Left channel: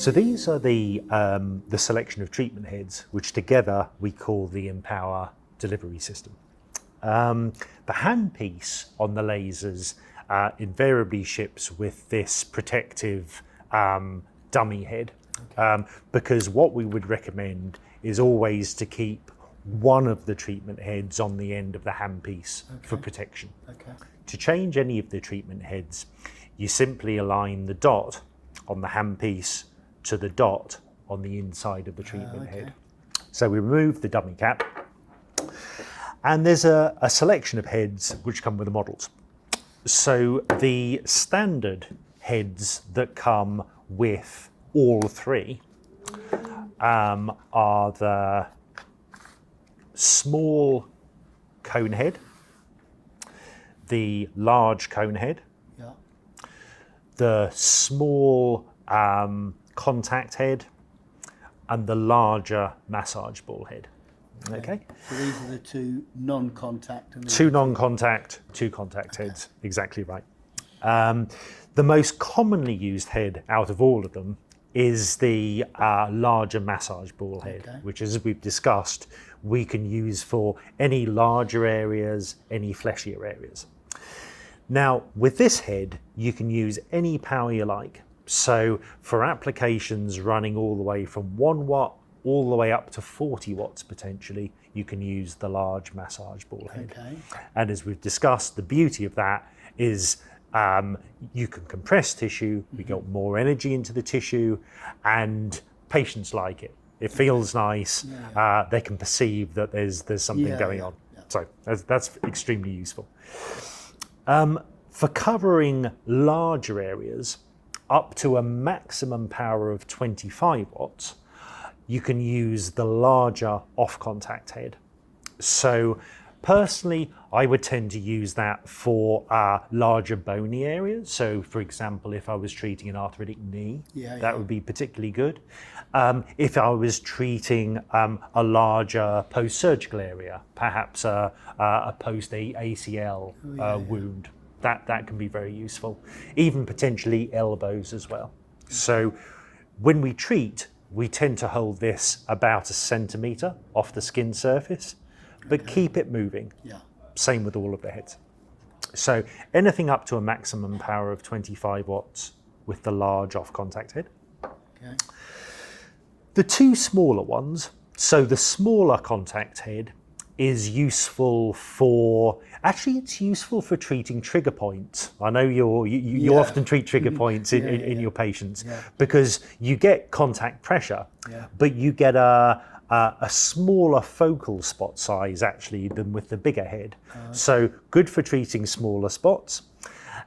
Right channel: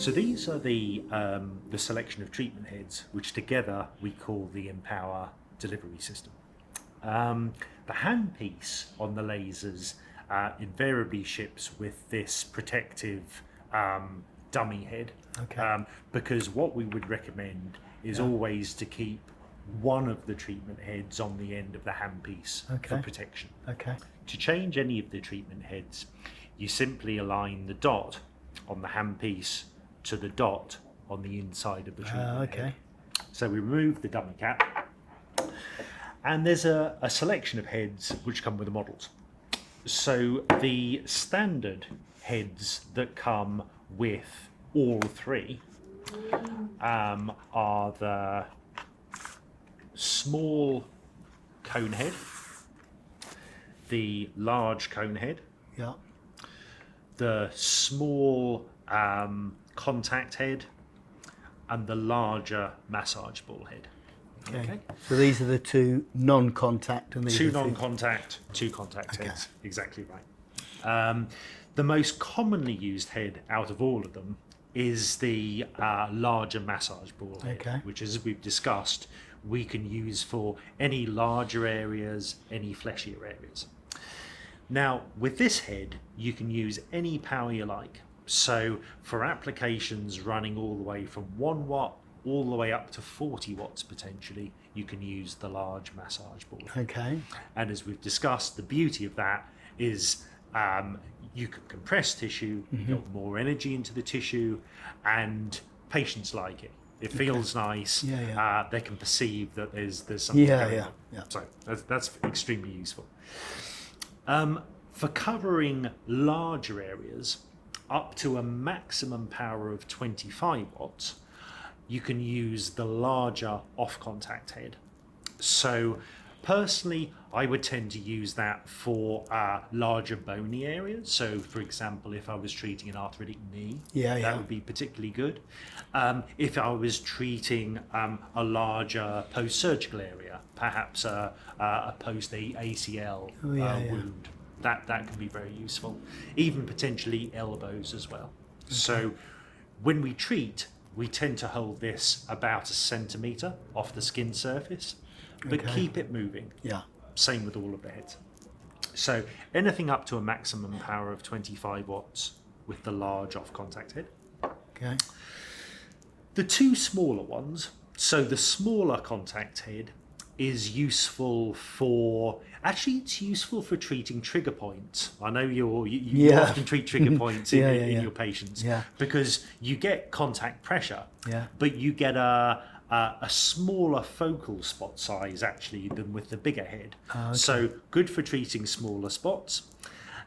So these are the selection of treatment heads, which together we call the Empower delivery system. The handpiece on the lasers invariably ships with this protective dummy head, because what we would recommend is always to keep one of the treatment heads on the end of the handpiece for protection. To change any of the treatment heads, you simply align the dot on the handpiece to the dot on the inside of the treatment head. So we remove the dummy cap, and there's a selection of heads which come with the models. So the standard heads that come with all three are the small cone head, the large cone head, the small contact head, and the larger massage ball head. Okay. So these are the two non-contact and two non-contact, two contact heads. Exactly right. The most commonly used head out of all of them is the larger massage ball head, which, as we've discussed, we can use for any larger areas, any fleshier areas. Now, with this head, you can use any power you like. So for applications running all the way from 1 watt all the way up to 40 watts potentially, you can use the large massage ball head. And as we've discussed, the beauty of that is you can compress tissue, you get more energy into the tissue, and patients like it. It feels nice. They can perceive that there's something going on. So that's extremely useful. For covering larger areas, up to a maximum power of 25 watts, you can use the larger off-contact head. So personally, I would tend to use that for larger bony areas. So for example, if I was treating an arthritic knee, that would be particularly good. If I was treating a larger post-surgical area, perhaps a post-ACL wound, that can be very useful. Even potentially elbows as well. So when we treat, we tend to hold this about 1 centimetre off the skin surface, but keep it moving. Same with all of the heads. So anything up to a maximum power of 25 watts with the large off-contact head. The two smaller ones, so the smaller contact head is useful for, actually it's useful for treating trigger points. I know you often treat trigger points in your patients because you get contact pressure, but you get a smaller focal spot size actually than with the bigger head. So good for treating smaller spots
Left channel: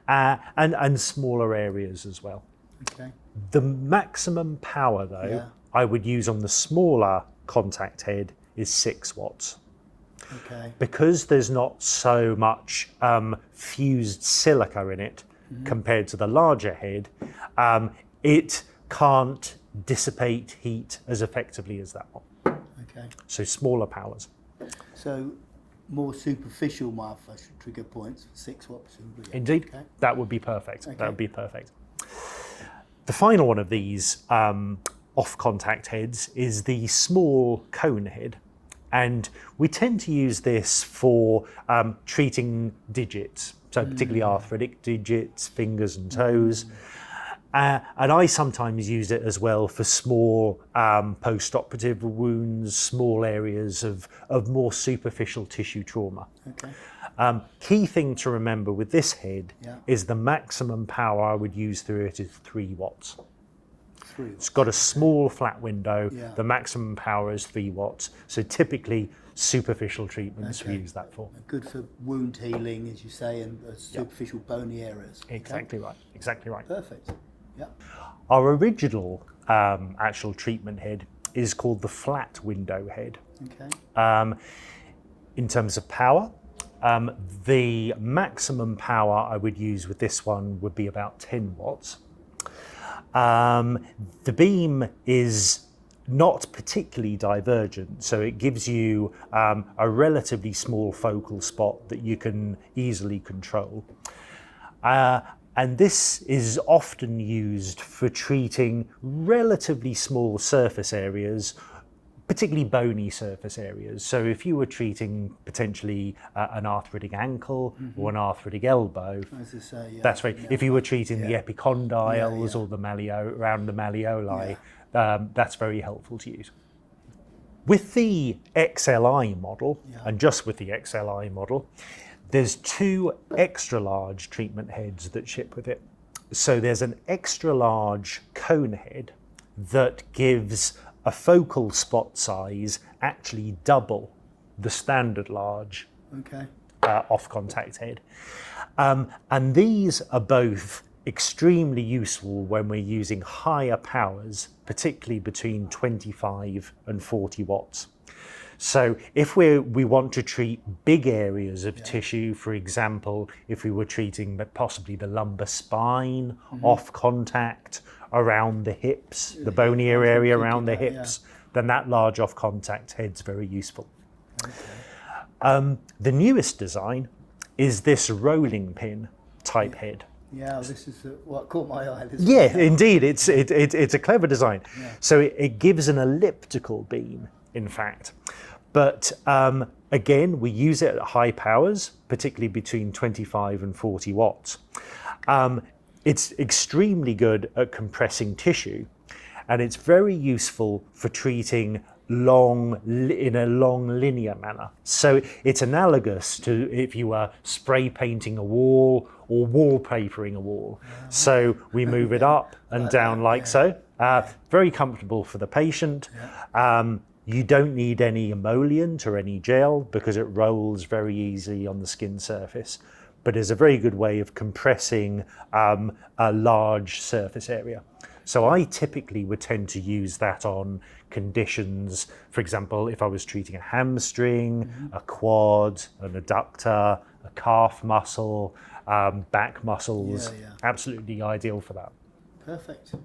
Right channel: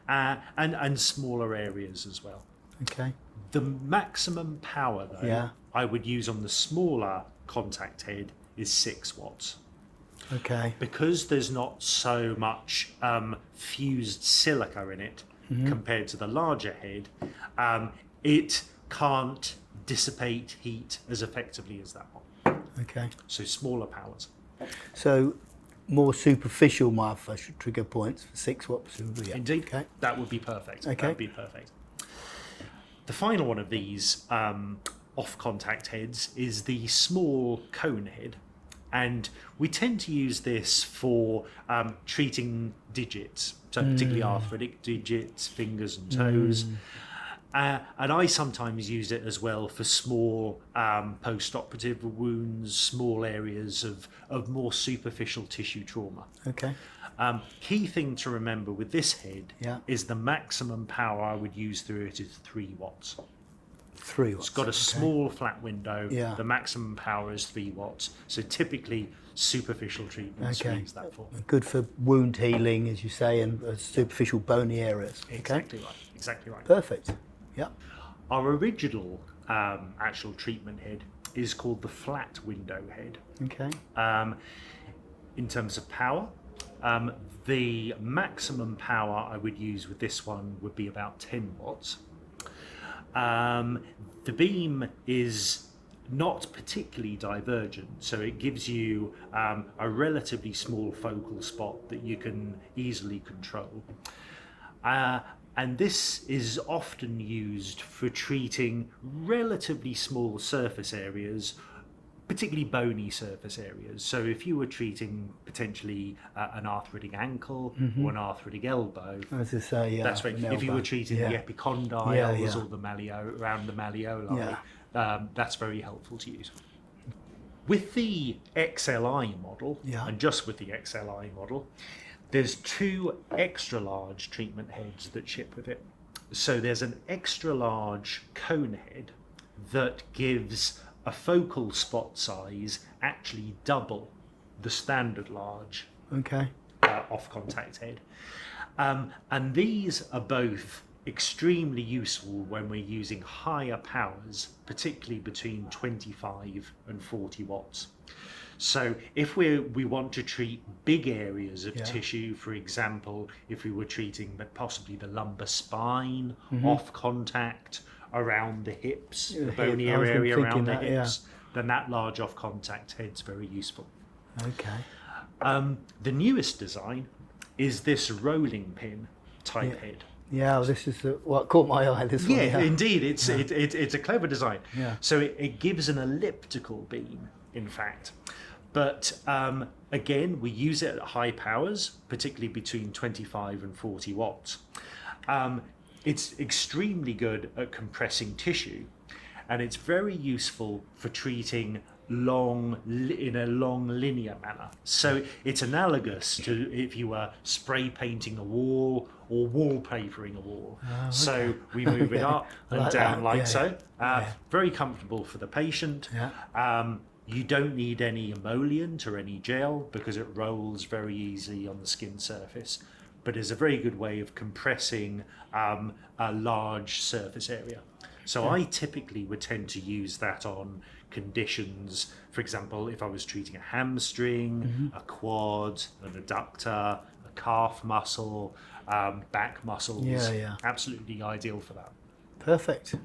and smaller areas as well. The maximum power though I would use on the smaller contact head is 6 watts. Because there's not so much fused silica in it compared to the larger head, it can't dissipate heat as effectively as that one. So smaller powers. So more superficial myofascial trigger points for 6 watts. Indeed, that would be perfect. That would be perfect. The final one of these off-contact heads is the small cone head. And we tend to use this for treating digits, so particularly arthritic digits, fingers and toes. And I sometimes use it as well for small post-operative wounds, small areas of more superficial tissue trauma. Key thing to remember with this head is the maximum power I would use through it is 3 watts. 3 watts. It's got a small flat window. The maximum power is 3 watts. So typically superficial treatments we use that for. Good for wound healing, as you say, and superficial bony areas. Exactly right. Exactly right. Perfect. Our original actual treatment head is called the flat window head. In terms of power, the maximum power I would use with this one would be about 10 watts. The beam is not particularly divergent, so it gives you a relatively small focal spot that you can easily control. And this is often used for treating relatively small surface areas, particularly bony surface areas. So if you were treating potentially an arthritic ankle or an arthritic elbow, that's right. If you were treating the epicondyles or the around the malleoli, that's very helpful to use. With the XLI model, and just with the XLI model, there's 2 extra large treatment heads that ship with it. So there's an extra large cone head that gives a focal spot size actually double the standard large off-contact head. And these are both extremely useful when we're using higher powers, particularly between 25 and 40 watts. So if we want to treat big areas of tissue, for example, if we were treating possibly the lumbar spine off contact around the hips, the bonier area around the hips, then that large off contact head's very useful. The newest design is this rolling pin type head. Yeah, this is what caught my eye. Indeed, it's a clever design. So it gives an elliptical beam, in fact. But again, we use it at high powers, particularly between 25 and 40 watts. It's extremely good at compressing tissue, and it's very useful for treating in a long linear manner. So it's analogous to if you were spray painting a wall or wallpapering a wall. So we move it up and down like so. Very comfortable for the patient. You don't need any emollient or any gel because it rolls very easily on the skin surface, but is a very good way of compressing a large surface area. So I typically would tend to use that on conditions, for example, if I was treating a hamstring, a quad, an adductor, a calf muscle, back muscles, absolutely ideal for that. Perfect.